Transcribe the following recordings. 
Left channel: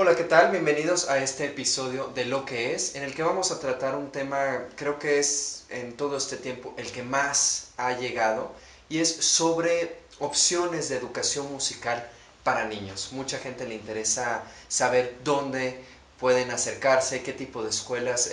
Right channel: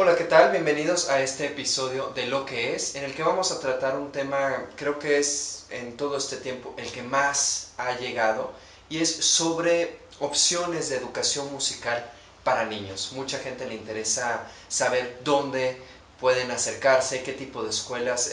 Hola, ¿qué tal? Bienvenidos a este episodio de Lo que es, en el que vamos a tratar un tema, creo que es en todo este tiempo el que más ha llegado, y es sobre opciones de educación musical para niños. Mucha gente le interesa saber dónde pueden acercarse, qué tipo de escuelas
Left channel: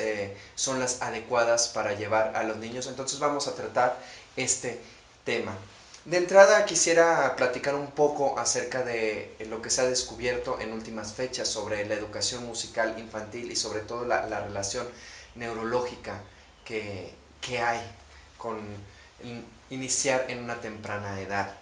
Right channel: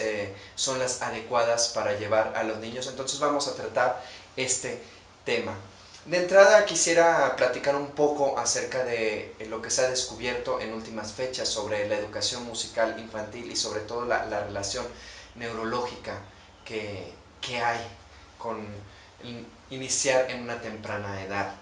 son las adecuadas para llevar a los niños. Entonces vamos a tratar este tema. De entrada quisiera platicar un poco acerca de lo que se ha descubierto en últimas fechas sobre la educación musical infantil y sobre todo la relación neurológica que hay con iniciar en una temprana edad.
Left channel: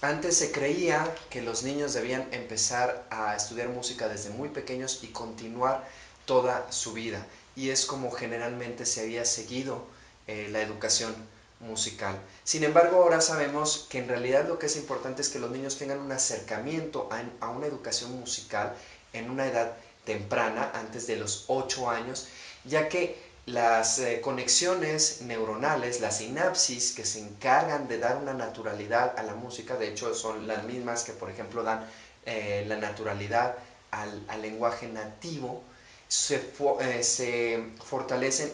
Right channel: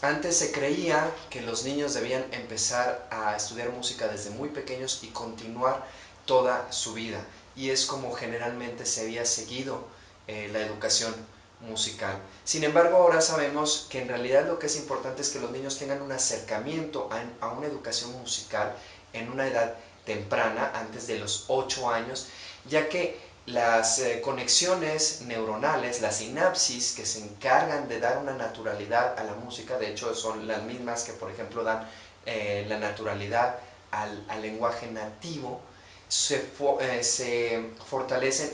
Antes se creía que los niños debían empezar a estudiar música desde muy pequeños y continuar toda su vida. Y es como generalmente se había seguido la educación musical. Sin embargo, ahora sabemos que en realidad lo que es importante es que los niños tengan un acercamiento a una educación musical en una edad temprana, antes de los 8 años, ya que las conexiones neuronales, las sinapsis que se encargan de dar una naturalidad a la música, de hecho son las mismas que por ejemplo dan la naturalidad al lenguaje nativo, se fortalecen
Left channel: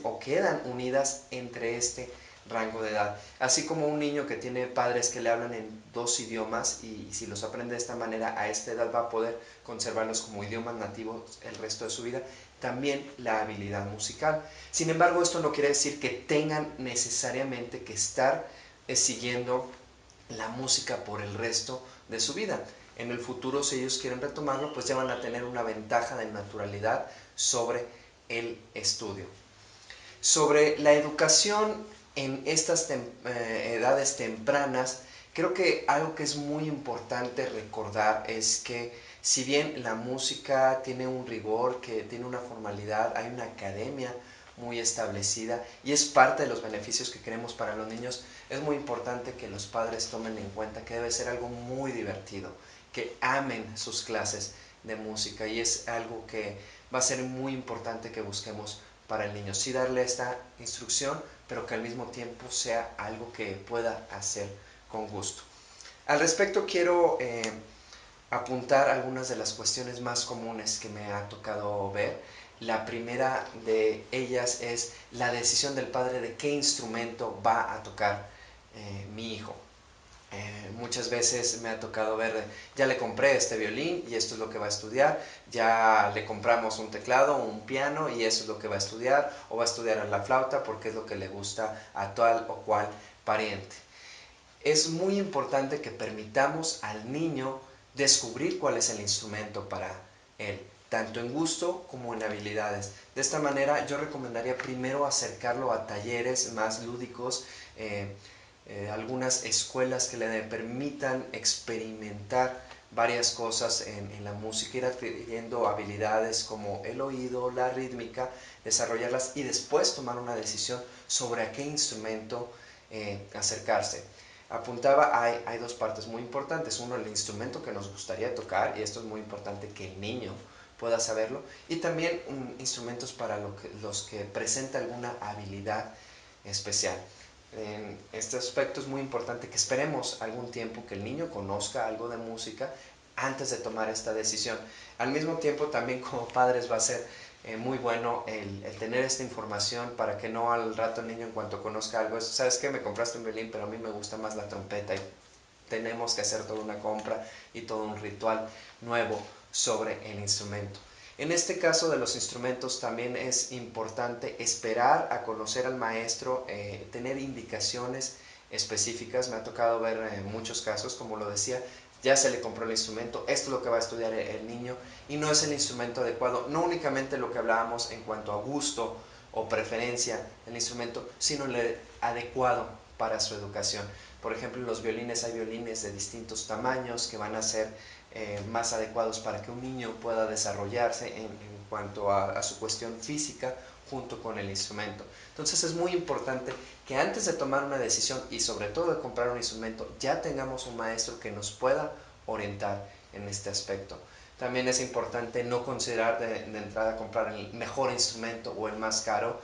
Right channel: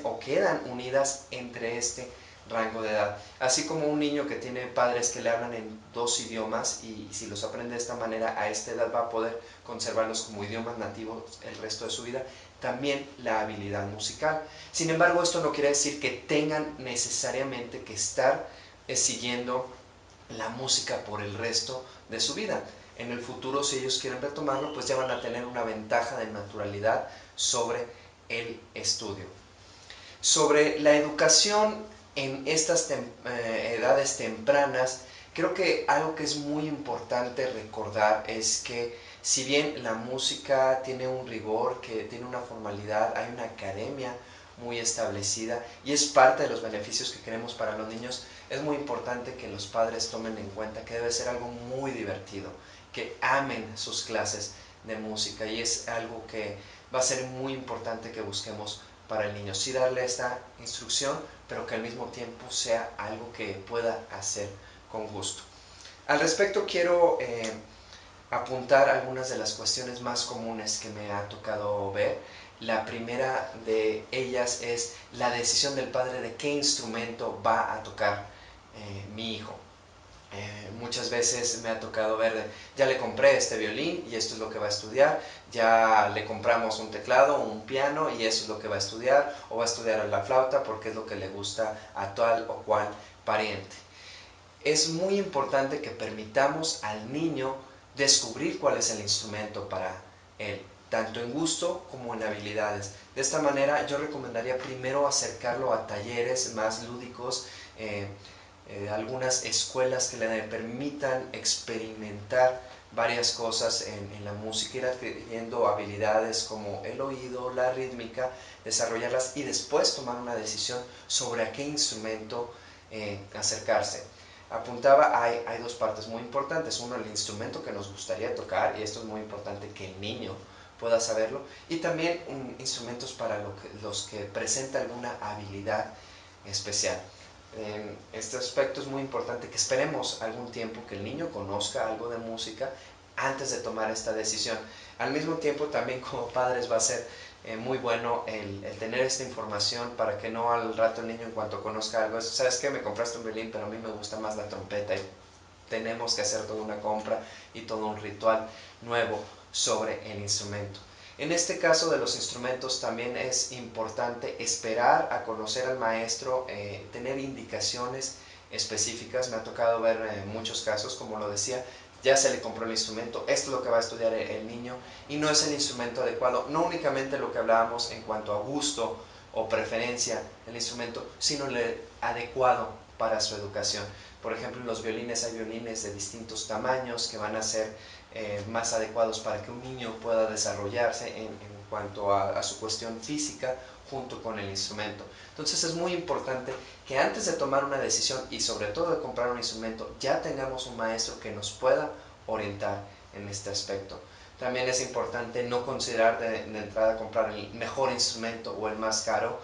o quedan unidas entre este rango de edad. Así como un niño que tiene padres que le hablan en dos idiomas y si los aprende de esta manera a esta edad va a poder conservarlos como idiomas nativos el resto de su vida, también la habilidad musical. Sin embargo, esto no quiere decir que tengan necesariamente que estar siguiendo la música por el resto de su vida. En el futuro, si ellos quieren retomarlo, pues ya van a tener una ventaja de naturalidad sobre el estudio. Sobre la educación en estas edades tempranas, creo que algo que es muy importante recordar es que si bien la música tiene un rigor, que tiene una formalidad, hay una academia muy establecida y es parte de los beneficios que queremos para los niños, es muy importante que los padres tomen en cuenta que debe ser algo muy divertido, que amen sus clases de música y es algo que va a ser muy importante que busquemos para el niño. Sí darle esta instrucción, pero que al mismo tiempo sea algo que pueda hacer con gusto. Al respecto quiero apuntar algunas de las cuestiones más comunes que me ha tocado ver. La primera de ellas es la decisión del padre de qué instrumento va a tocar mi hijo. Muchas veces me ha tocado ver, ya le compré este violín y esto es lo que va a estudiar, ya le compramos un teclado, un piano y eso es lo que va a estudiar, o va a estudiar la flauta porque es lo que le gusta a tal o cual pariente. Es muy importante que permitamos al niño descubrir cuál es el instrumento para él, tanto en gusto como en habilidades. De esta manera yo recomendaría primero acercarlo a talleres más lúdicos, algunas escuelas que le permitan experimentar varias cosas en la música, ir adquiriendo habilidades como el oído, la rítmica, desarrollarlas y después tomar una decisión sobre a qué instrumento acercarse. Apuntaba, hay dos partes muy importantes. Uno, el instrumento que nos gustaría tocar, y esto es muy importante que el niño pueda saberlo, y también instrumentos para los que presenta alguna habilidad especial. En este aspecto es muy importante que esperemos algún tiempo que el niño conozca algo de música antes de tomar esta decisión. Al mismo tiempo también como padres va a ser muy bueno el tener esta información para que no al rato el niño en cuanto conozca algo, ¿sabes qué? Me compraste un violín, pero a mí me gusta más la trompeta y tenemos que hacer toda una compra y todo un ritual nuevo sobre el instrumento. En este caso de los instrumentos también es importante esperar a conocer al maestro, tener indicaciones específicas. Me ha tocado ver muchos casos, como lo decía, ya se le compró el instrumento, esto es lo que va a estudiar el niño y no es el instrumento adecuado, no únicamente lo que hablábamos en cuanto a gusto o preferencia del instrumento, sino el adecuado para su educación. Por ejemplo, en los violines hay violines de distintos tamaños que van a ser más adecuados para que un niño pueda desarrollarse en cuanto a su cuestión física junto con el instrumento. Entonces es muy importante que antes de tomar una decisión y sobre todo de comprar un instrumento ya tengamos un maestro que nos pueda orientar en este aspecto. También es importante no considerar de entrada comprar el mejor instrumento o el más caro.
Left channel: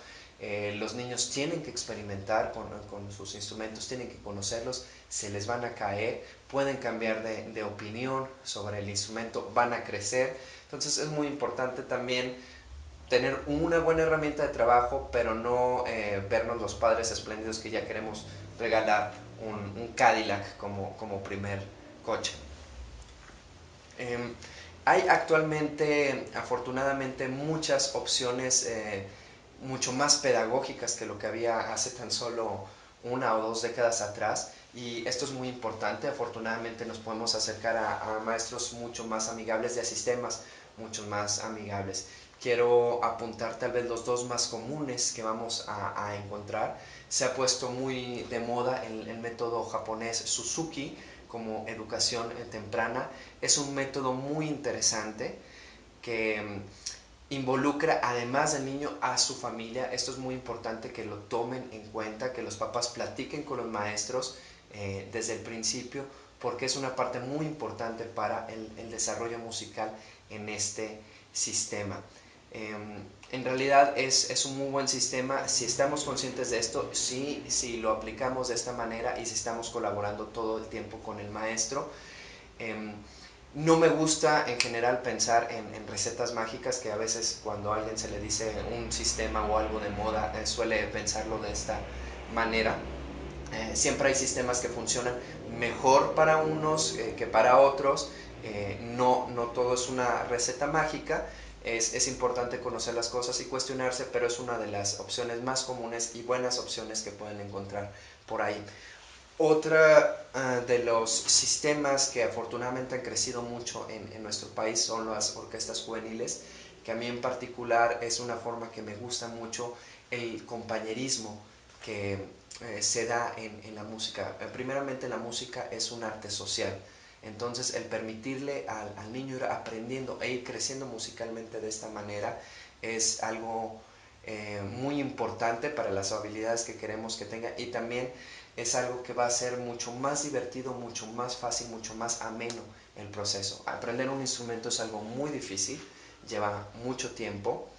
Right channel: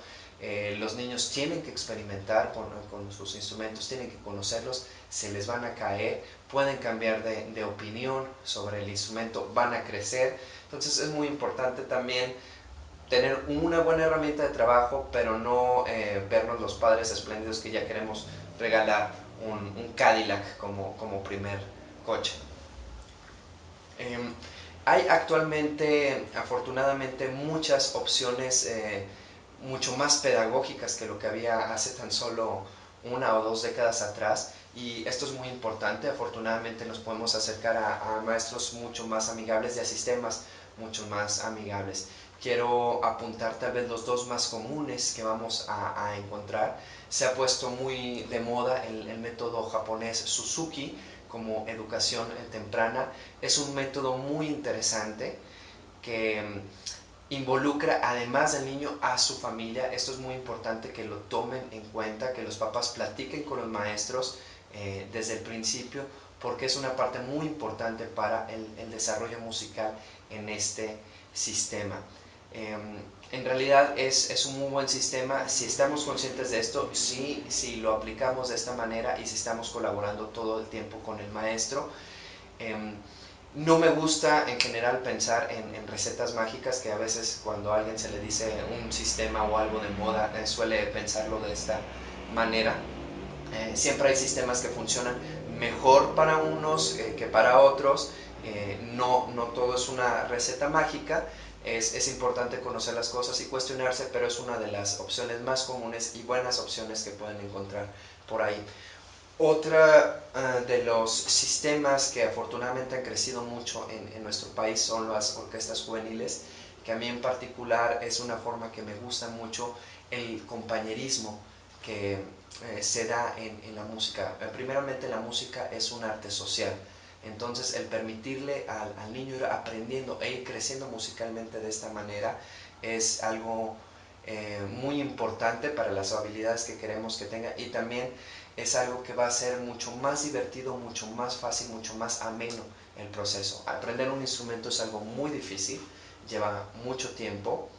Los niños tienen que experimentar con sus instrumentos, tienen que conocerlos, se les van a caer, pueden cambiar de opinión sobre el instrumento, van a crecer. Entonces es muy importante también tener una buena herramienta de trabajo, pero no vernos los padres espléndidos que ya queremos regalar un Cadillac como primer coche. Eh, Hay actualmente, afortunadamente, muchas opciones mucho más pedagógicas que lo que había hace tan solo 1 o 2 décadas atrás, y esto es muy importante. Afortunadamente nos podemos acercar a maestros mucho más amigables y a sistemas mucho más amigables. Quiero apuntar tal vez los dos más comunes que vamos a encontrar. Se ha puesto muy de moda el método japonés Suzuki como educación temprana. Es un método muy interesante que involucra además del niño a su familia. Esto es muy importante que lo tomen en cuenta, que los papás platiquen con los maestros desde el principio, porque es una parte muy importante para el desarrollo musical en este sistema. En realidad es un muy buen sistema si estamos conscientes de esto, si lo aplicamos de esta manera y si estamos colaborando todo el tiempo con el maestro. No me gusta en general pensar en recetas mágicas, que a veces cuando a alguien se le dice un sistema o algo de moda suele pensarlo de esta manera. Siempre hay sistemas que funcionan mejor para unos que para otros. No todo es una receta mágica. Es importante conocer las cosas y cuestionarse, pero es una de las opciones más comunes y buenas opciones que pueden encontrar por ahí. Otra de los sistemas que afortunadamente han crecido mucho en nuestro país son las orquestas juveniles, que a mí en particular es una forma que me gusta mucho, el compañerismo que se da en la música. Primeramente, la música es un arte social. Entonces el permitirle al niño ir aprendiendo e ir creciendo musicalmente de esta manera es algo muy importante para las habilidades que queremos que tenga, y también es algo que va a ser mucho más divertido, mucho más fácil, mucho más ameno el proceso. Aprender un instrumento es algo muy difícil, lleva mucho tiempo.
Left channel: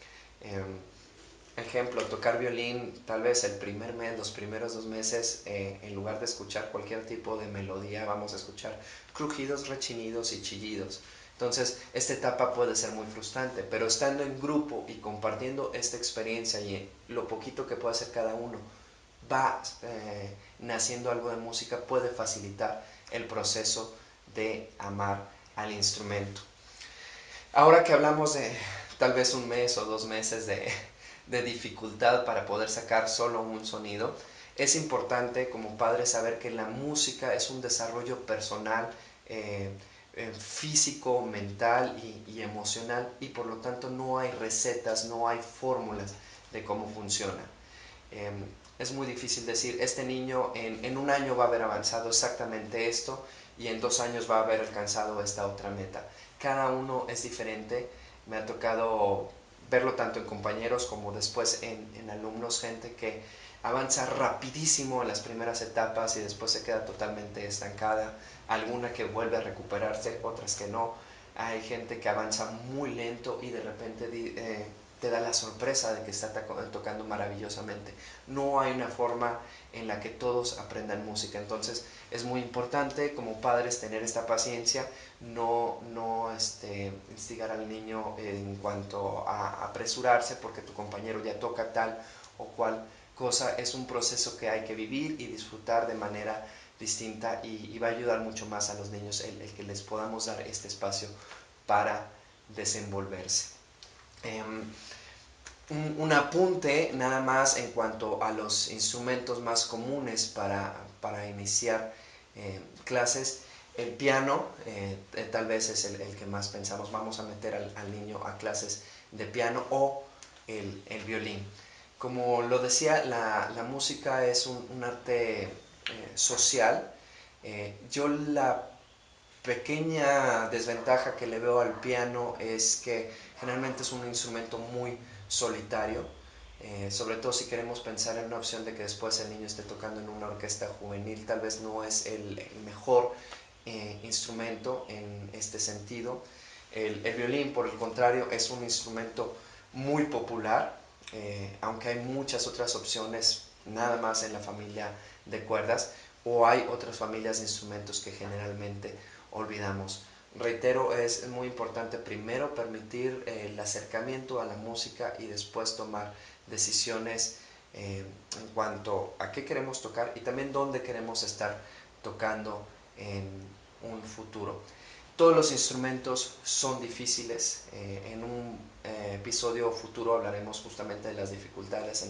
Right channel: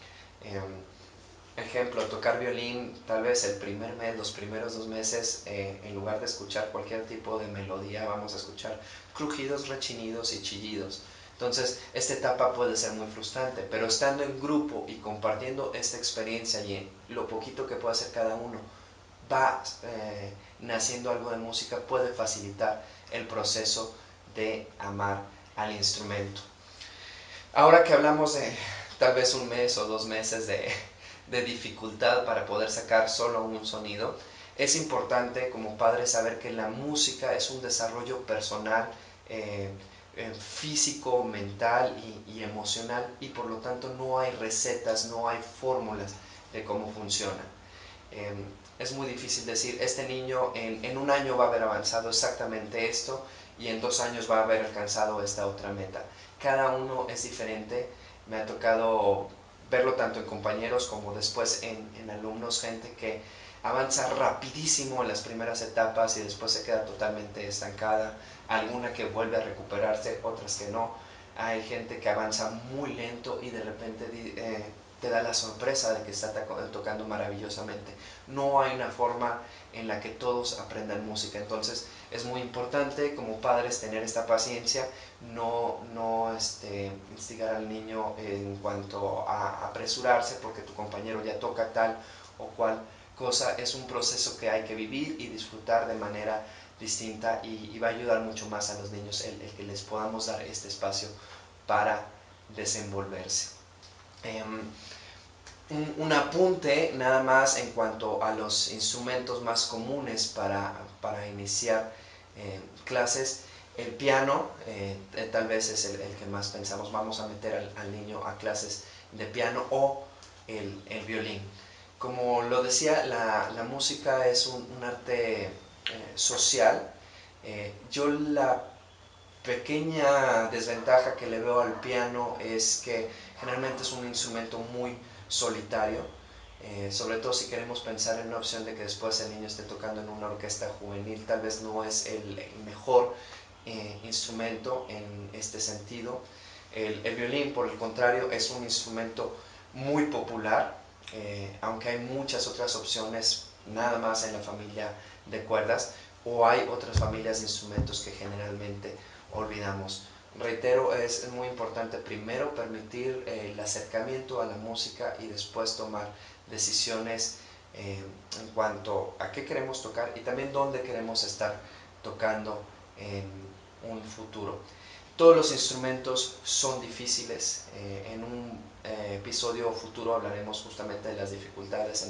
Ejemplo, tocar violín, tal vez el primer mes, los primeros 2 meses, en lugar de escuchar cualquier tipo de melodía, vamos a escuchar crujidos, rechinidos y chillidos. Entonces, esta etapa puede ser muy frustrante, pero estando en grupo y compartiendo esta experiencia y lo poquito que puede hacer cada uno, va naciendo algo de música, puede facilitar el proceso de amar al instrumento. Ahora que hablamos de tal vez 1 mes o 2 meses de dificultad para poder sacar solo un sonido, es importante como padre saber que la música es un desarrollo personal, físico, mental y emocional, y por lo tanto no hay recetas, no hay fórmulas de cómo funciona. Es muy difícil decir, este niño en 1 año va a haber avanzado exactamente esto y en 2 años va a haber alcanzado esta otra meta. Cada uno es diferente. Me ha tocado verlo tanto en compañeros como después en alumnos, gente que avanza rapidísimo en las primeras etapas y después se queda totalmente estancada, alguna que vuelve a recuperarse, otras que no. Hay gente que avanza muy lento y de repente te da la sorpresa de que está tocando maravillosamente. No hay una forma en la que todos aprendan música. Entonces es muy importante como padres tener esta paciencia, no instigar al niño en cuanto a apresurarse porque tu compañero ya toca tal o cual cosa. Es un proceso que hay que vivir y disfrutar de manera distinta, y va a ayudar mucho más a los niños el que les podamos dar este espacio para desenvolverse. Un apunte nada más en cuanto a los instrumentos más comunes para iniciar clases. El piano tal vez es el que más pensamos, vamos a meter al niño a clases de piano, o el violín. Como lo decía, la música es un arte social. Yo la pequeña desventaja que le veo al piano es que generalmente es un instrumento muy solitario, sobre todo si queremos pensar en una opción de que después el niño esté tocando en una orquesta juvenil. Tal vez no es el mejor instrumento en este sentido. El violín, por el contrario, es un instrumento muy popular, aunque hay muchas otras opciones nada más en la familia de cuerdas. o hay otras familias de instrumentos que generalmente olvidamos. Reitero, es muy importante primero permitir el acercamiento a la música y después tomar decisiones en cuanto a qué queremos tocar y también dónde queremos estar tocando en un futuro. Todos los instrumentos son difíciles. En un episodio futuro hablaremos justamente de las dificultades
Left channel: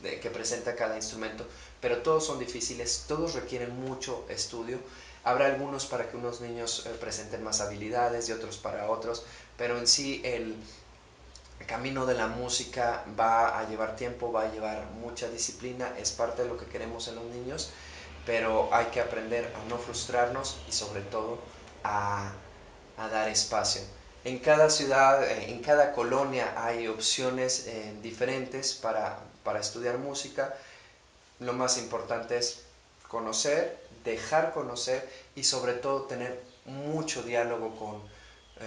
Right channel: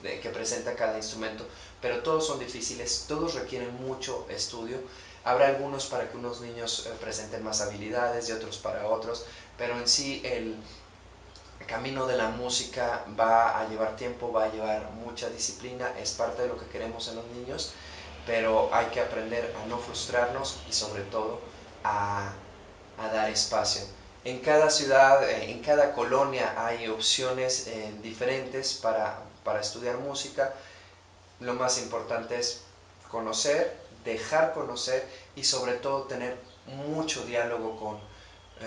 que presenta cada instrumento, pero todos son difíciles, todos requieren mucho estudio. Habrá algunos para que unos niños presenten más habilidades y otros para otros, pero en sí el camino de la música va a llevar tiempo, va a llevar mucha disciplina, es parte de lo que queremos en los niños, pero hay que aprender a no frustrarnos y sobre todo a dar espacio. En cada ciudad, en cada colonia hay opciones diferentes para estudiar música. Lo más importante es conocer, dejar conocer y sobre todo tener mucho diálogo con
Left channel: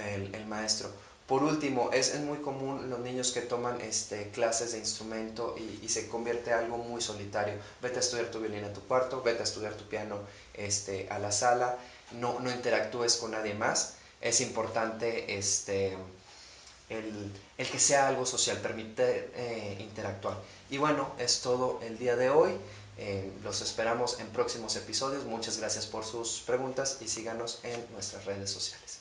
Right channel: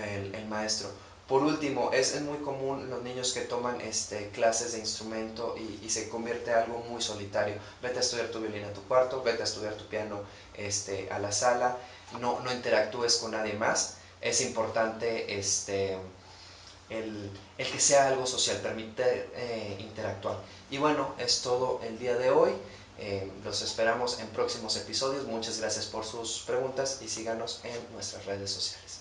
el maestro. Por último, es muy común los niños que toman clases de instrumento y se convierte en algo muy solitario. Vete a estudiar tu violín a tu cuarto, vete a estudiar tu piano a la sala, no interactúes con nadie más. Es importante el que sea algo social, permite interactuar. Y bueno, es todo el día de hoy. Los esperamos en próximos episodios. Muchas gracias por sus preguntas y síganos en nuestras redes sociales.